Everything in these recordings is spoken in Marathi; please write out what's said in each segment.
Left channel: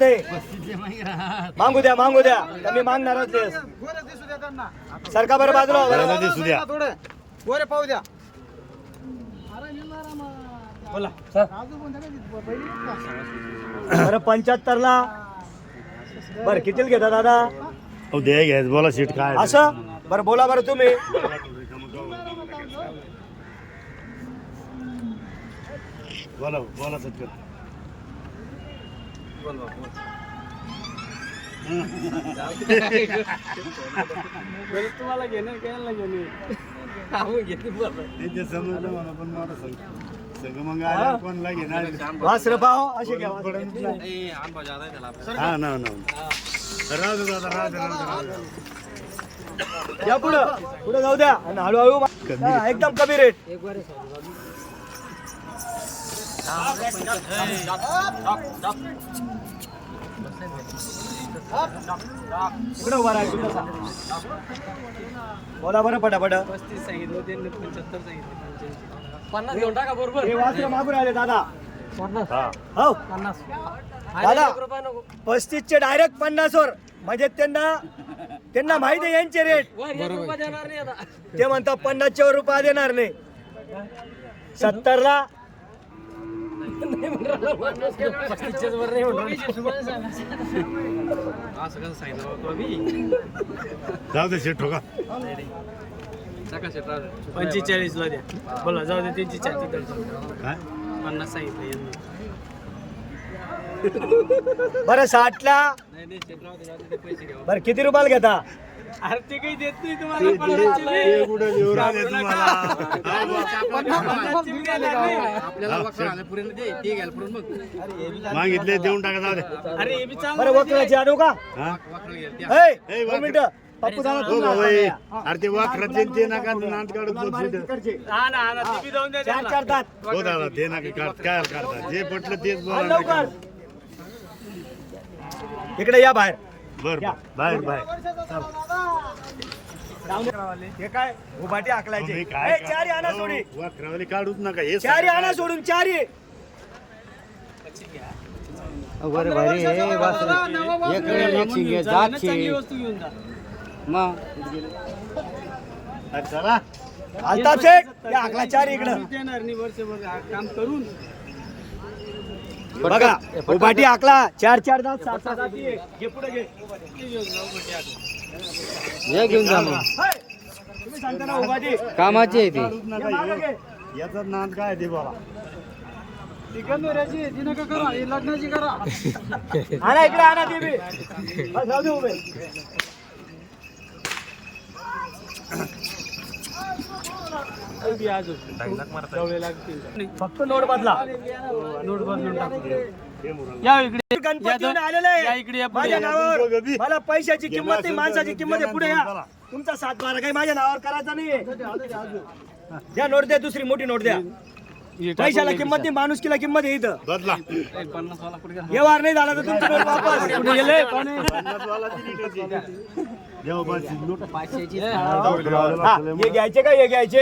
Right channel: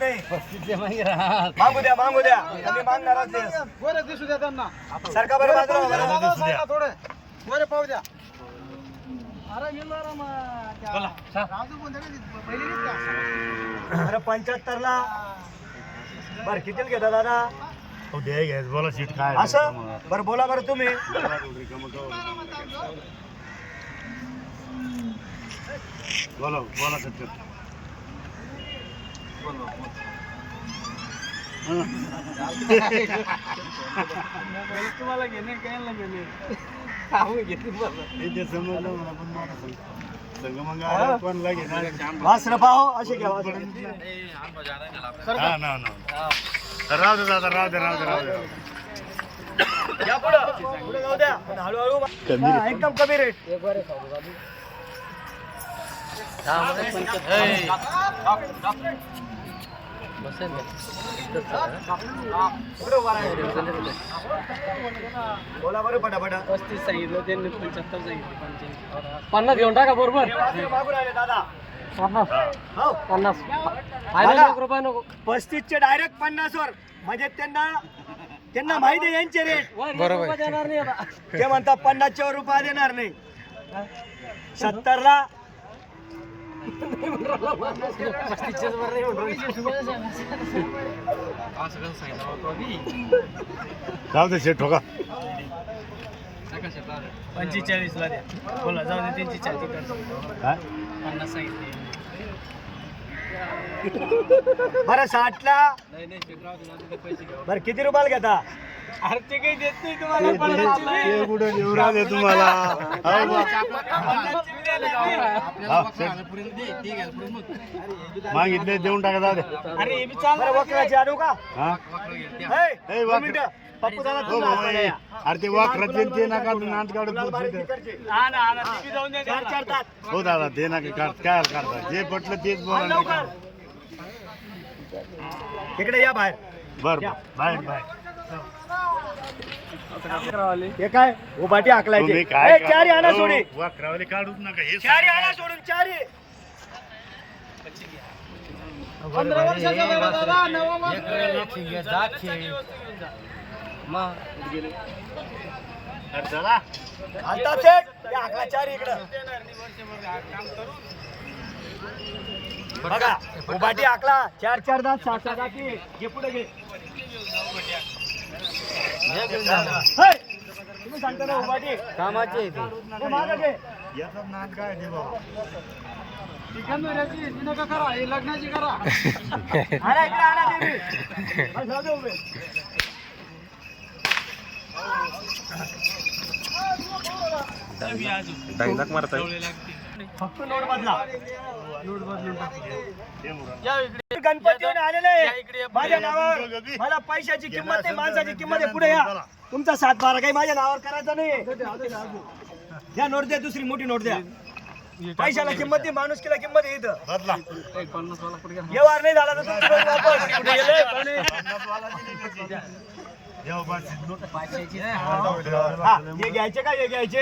ते मागू द्या मागू द्या. कमी मागणारच. गोरे दिसू द्या त्यांना. सरका बरं बाजूला. सांगा थोडे. गोरे पाहू द्या. बरं पंच्याहत्तर ला बरं कितीला घेता दादा? हो दे घ्यायच बोला सीट काय असं? बरं बोला बरं तुम्ही. बोला. बोला सत्तर तुम्हाला घेणे घ्यायला घेणे ते समजलं पण मला मग कोणला घेणार वासर पाहो असे घ्या ना ना राहू दे दादा राहू दे राहू दे राहू दे या पुढं पुढे जाऊ द्या आणि हळूहळू एकदम कमी रेट एक वर बोला बरं पटापट पस्तीस सांगितलं त्यांनी पंच्याहत्तर सांगितलं पन्नास घेऊन टाका बरोबर. हे मागून राहिले दादा. पन्नास. हो. पन्नास. दादा रुपये नको. पस्तीस चे डायरेक्ट पन्नास वर म्हणजे त्यांना त्यांना माहिती आहे यांचे रेट बरोबर. देणार नाही आता. ते म्हणतात पन्नासच्या वर रुपया देणार नाही. सत्तर ला असं कसं सांगितलं तो आधी जाऊ दे. सीट ठोका पंचेचाळीस ला दे बोला जाऊ दे त्यांची चालते काय? पन्नास सांगितलं यांनी. बरं साठ ला नाही नाही ते राहू दे, जाऊ दे, ते पैसे घ्या बरं किती रुपयाला घेता? अरे ते काही देत नाही ते- तुम्हाला ते- ते कुठं लिहून राहिले तुम्हाला? हो बा. आपल्याला वखरा आल्यापर्यंत दे ते घ्यायला मग. मागितले देऊन टाका जाऊ दे. अरे हे बी बरं चालणार वक्राची आणू का? हा? त्या हे, ए, दोन वाकरं. मिनिटं. पप्पू दादा हो भाऊ ए. अरे ते वाखरात ते- नका इथं. तिकडचे. हा ना हा ना ते बी जाऊन द्या चार त्याला. चार दात. हो दादा ते नका काढ- काय करता जे पटलं तेच बोला इकडे या बाहेर. बर बर. बाहेर बाहेर. हे काय? उभाटी आकलायचे. तुम्ही काय चारी आणा सोडी. वाखरावले काढूच नका. हे चारी आणा सोडून चारी. चला. शेख या आकला चारी इकडं. देणार नाही वर्षभर काम करून. बघा उभाटी आकला चार चार दात सात सात. घे पुढे घे. हे, तुम्ही सांगता ना उभाटी. कामाची आहे हे मागं घे. याचा नाद काय ते बाबा ती हे आणा इकडे आणा जाऊ दे उभे. या इकडे गणपती आलेले माझ्या नावावर मला पैशाची किंमत नाही माणसाची किंमत आहे पुढे या तुमचा सात बारा काही माझ्या नावावर करायचा नाही द्या नोट द्या दुसरी मोठी नोट द्या पैशाला किंमत नाही माणुसकीला किंमत आहे इथं. बदला. ए, पन्नास वाला पुढे गेला. व्यवहार नाही झाला तर तुमची वापस. हा, हे घ्यायचे का हे घ्यायचे?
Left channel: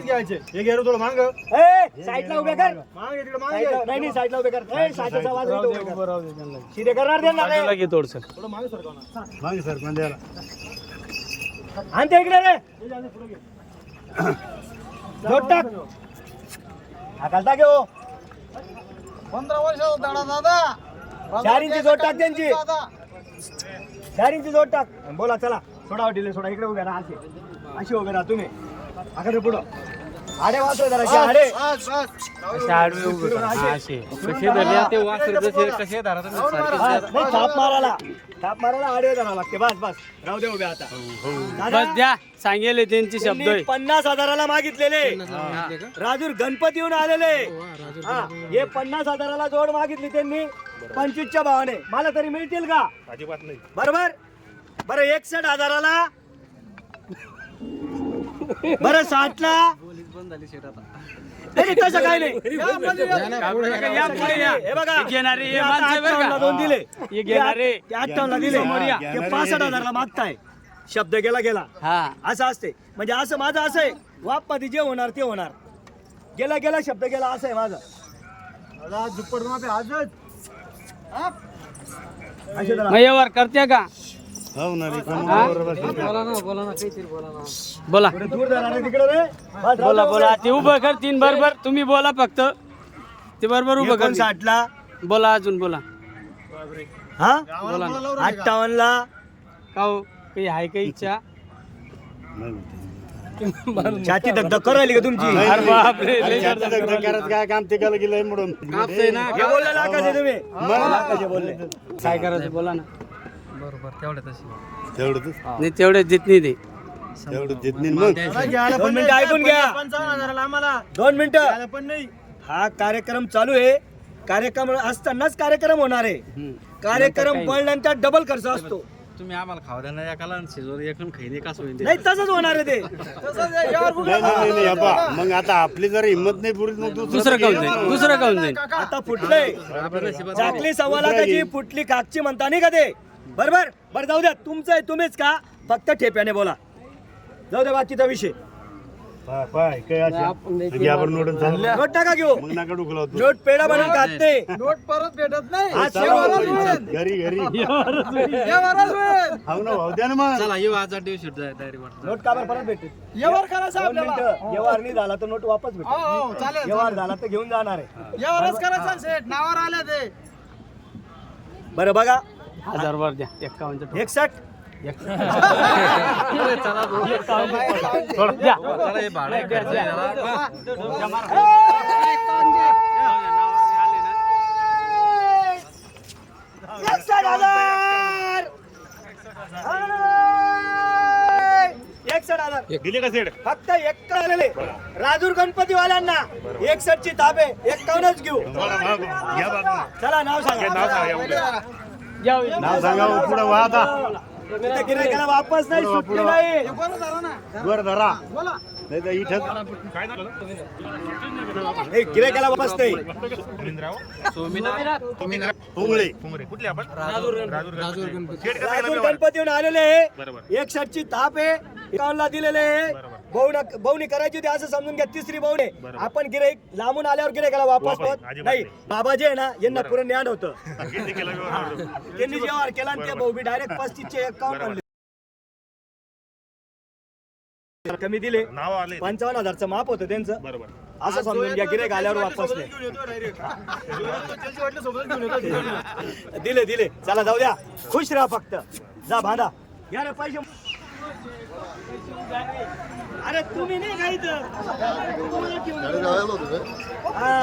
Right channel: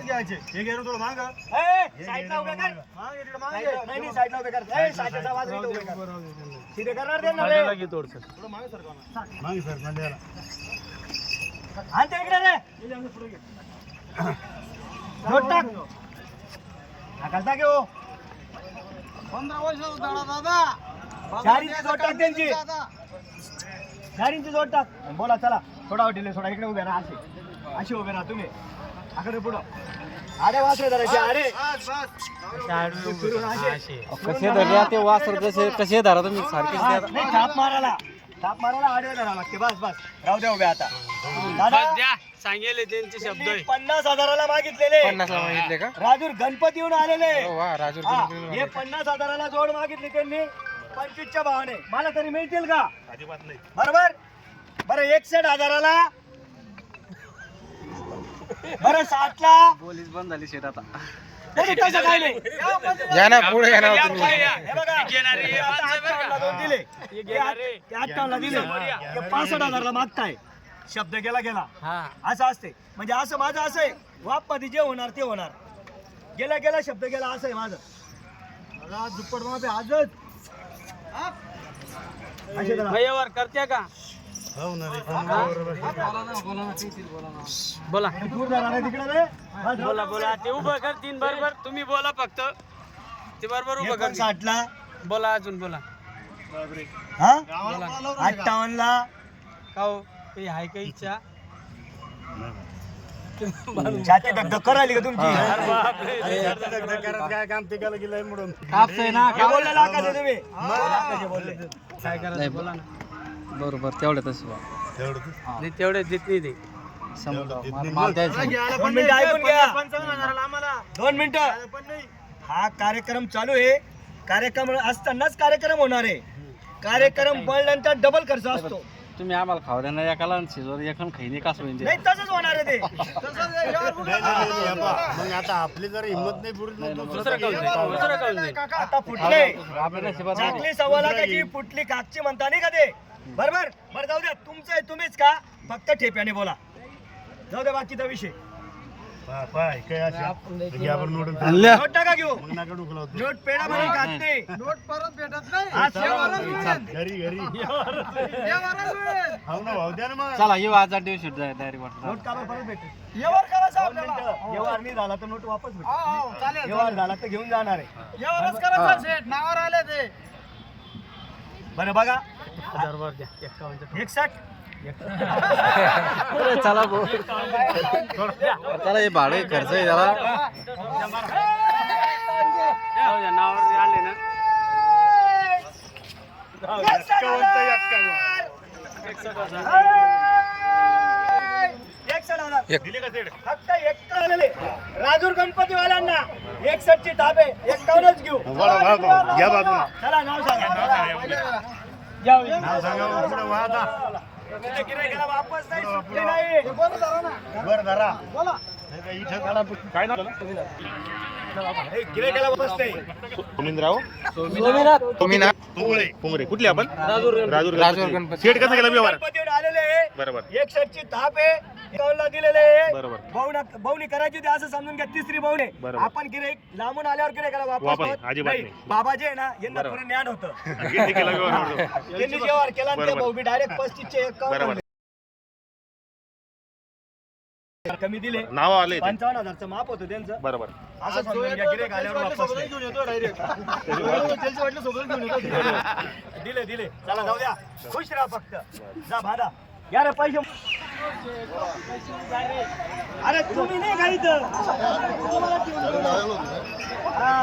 घ्यायचे. हे घ्या थोडं माग. ए, साईडला उभे कर. साईडला- नाही नाही साईडला उभे कर. ए, साईडचा आवाज इथं उभे कर शिरे करणार रे मागे सर पंद्याला आणि ते इकडे रे. टाक. टाकालता घेऊ पंधरा दादा. चार इंची जोड टाक त्यांची. चार इंची जोड टाक. बोला चला. सोडा डिले सोडा. इकडे उभे राहा असे. अशी उभे राहा तुम्ही. आकडे पुढं. आडे वाचले जरा आडे. कसे धरले ते वासर जसे कसे धरा तुम्ही हा, नाही थाप मारायला. थाप मारायला आडवे धरावं लागते. बस बस. राहू द्या उभे आता. दादा बस द्या. सांगेले त्यांचे शब्द. त्यांनी पन्नास हजाराला मागितलेले. मागितले का? राजूर गणपती येऊन आलेले. वा राजू हा, हे पन्नास हजाराला जोड मागितली त्यांनी. पंचवीसच्या भावाने. मला तरी मिळतील का? अजिबात नाही. बरोबर? बरं एकसठ हजाराला. बरं साठला. पोलीस बंद झाली शेत आता. नाही, नाही, तसं काही नाही. या ना पुढे या या, काही नाही. हे बघा. घेणारे हे आता अठ्ठावन्नला दोन दिले. हे घेणारे. ते अठ्ठावन्नला दिले. हा, ते पासष्ट हजारला मागताय. शब्द गेला गेला. हा. असं असते म्हणजे असं माझं असं आहे. वापमध्ये जे होणार ते होणार. गेला गेला शब्द गेला असं आहे माझं. माझा झुप्पड आजच. अशी जरा. मग व्यवहार करते का? बोला ना बोला बोला. ते उभं कर तीन बरोबर. तुम्ही बोला फक्त. ते बरोबर उभं कर. एकोणसाठ ला बोला अजून बोला. हा? का? अठ्ठावन्न ला का? हो? काही आहे काही इच्छा. छाती धगधग करायली का तुमची? काय काम ते केलं गेलंय म्हणून. लाखाचे बोलले. काय करायचं बोला ना. बरोबर तेवढं तसं तेवढंच नाही तेवढे देत नाही ते. तेवढं देत नाही. मग. दोन मिनिटं ऐकून घ्या. दोन मिनिटं. हा कार्यक्रम चालू आहे. कार्यक्रम असतानाच कार्यक्रम होणार आहे. कार्यक्रम बनल्यानंतर डबल खर्च असतो. तुम्ही आम्हाला खाऊ द्या ना एकाला आणि शिजवर एकाला खाईने का सोयीन नाही तसंच होणार आहे ते. नाही नाही नाही, नाही हे पहा, मग आता आपली जर हिंमत नाही पुरी मग दुसरं काऊन जाईल दुसरं काऊन जाईल आता फुटले आपल्या नशिबात चाकली सव्वा लाखाची फुटली कागची म्हणता नाही का ते? बरोबर? बरं जाऊ द्या. तुमचं आहे तुम्हीच का? फक्त ठेप्याने बोला. जाऊ दे बाकीचा विषय. हा. नोट घेऊ. नका लावतो. नोट पेढा बनवून खात नाही. नोट परत भेटत नाही. हा, सर्व. घरी घरी. हाव ना भाऊ द्या ना मग. चला येऊ आज दिवस डायरेक्ट वाटत. नोट का बरं परत भेटते? व्यवहार करा साहेब व्यवहार नाही झाला तर नोट वापस भेटते. व्यवहार झाला तर घेऊन जाणार आहे. बरं बघा. हजार वर द्या. एकसठ? चला. चला हे भाडं एक खर्च आहे त्याला फक्त राजूर गणपतीवाल्यांना एकसठ ची ताबे एक्कावन्नच घेऊ. चला नाव सांगा. नाव सांगा पुढं वा आता. त्या गिऱ्हाईकाला वापस नाही सुटली नाही. वर धरा. नाही कुठले आपण? राजूर गणपती. सेट कसं गेला व्यवहार गणपतीहून आलेले आहे. बरोबर. एकसठ ची ताप आहे. एकावन्नला दिलेले आहे. बरोबर. बहुना बहुनी करायची होती असं समजून घ्या. तिसरी बरोबर. आपण गिराईक लांबून आल्यावर गिराईकाला वापस नाही. बाबा जे आहे ना यांना पुढे ज्ञान होतं. त्यांनी व्यवहार केला आणि ते. भाऊ बी डायरेक्ट पस्तीसचे एकावन्न कमी दिले. नाव आले पंचावन्न हजारचं माप होतं त्यांचं. बरोबर. असं समजून घ्या वापस नाही. दिले दिले. चला जाऊ द्या. खुश राहा फक्त. जा बांधा घ्या रे पैसे. अरे तुम्ही नाही का इथं? तुम्हाला ठेवून देऊ. हा.